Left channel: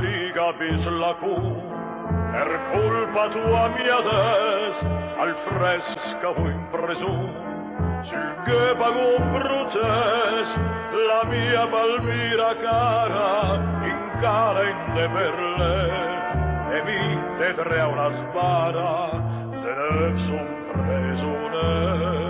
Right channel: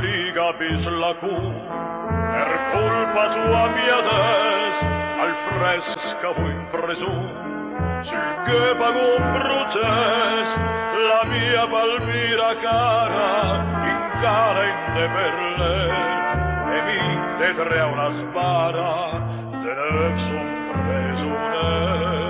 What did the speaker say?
liga bis la cu, per colpa tua mia des, al fresca fu impresu, sul Göbago bruces, la mia Palmira cara, in cara in de perle, e mi detre a una spada, de neuf son presune.